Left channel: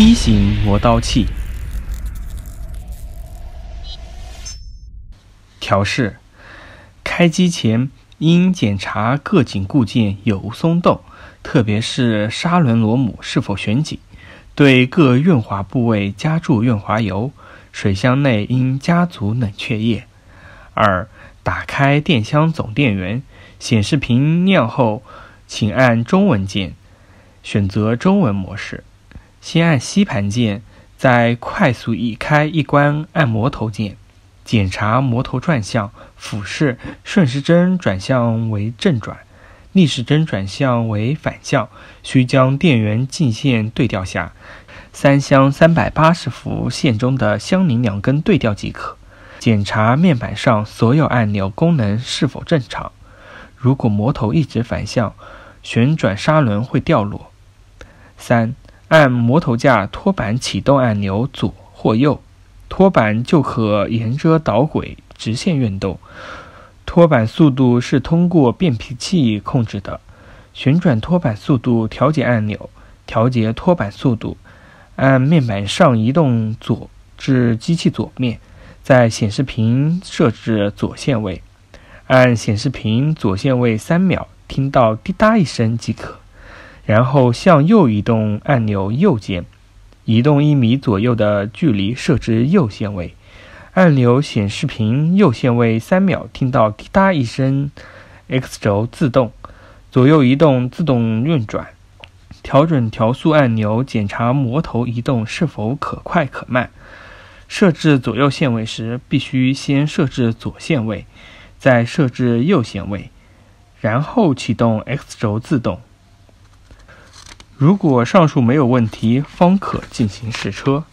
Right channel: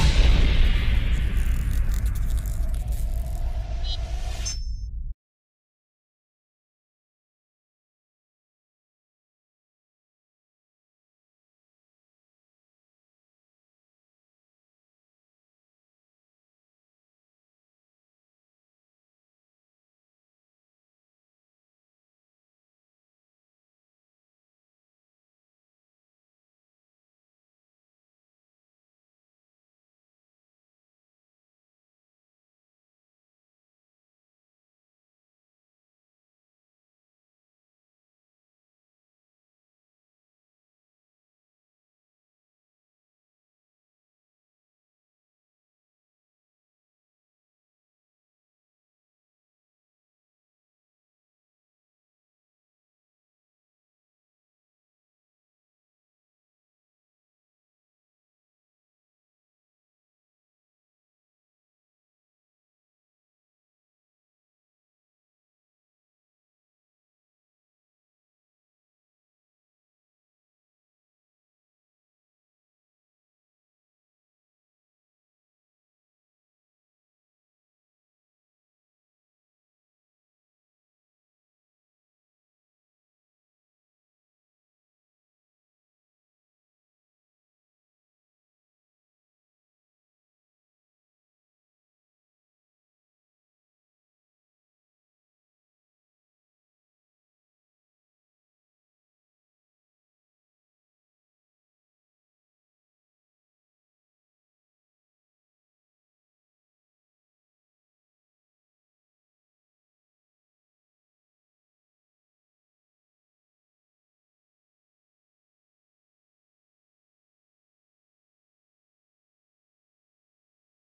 D 型磨刀器。调试：开机前应检查各紧固件有无松动，特别是砂轮螺母是否旋紧，对各润滑部位加注润滑油，水箱内应加足冷却液。2. 打开电箱总电源，显示屏亮后请按中文键，选择中文模式，先按吸盘键，再快速一开一关按摩头键，检查摩头转向，俯视顺时针转向为正转，逆时针转向为反向，需将电源进线对调下，3箱380伏线中的相邻2根对调即可。检查面板上所有按钮功能是否正常，如果摩头一直反向，旋转砂轮会掉落。3. 按摩头架托板启动按钮左或右，托板就可沿着导轨直线运动，托板速度是通过变频器控制的，旋转托板速度调节按钮，调节托板速度，按面板上移动左至机器左面，在显示屏设置左线位，按显示屏左线位3秒，听到滴答一声即可，然后向右移动按钮右键，移动1米左右的距离设置右线位，按钮显示屏右线位3秒，听到滴答一声 X 轴自动，左右移动自动运转，调整调速按钮检查摩头移动是否可快可慢。设置左右线位时，必须先设置左线位，再设置右线位，然后启动 X 轴自动。如果上述没有问题，方可进行试车。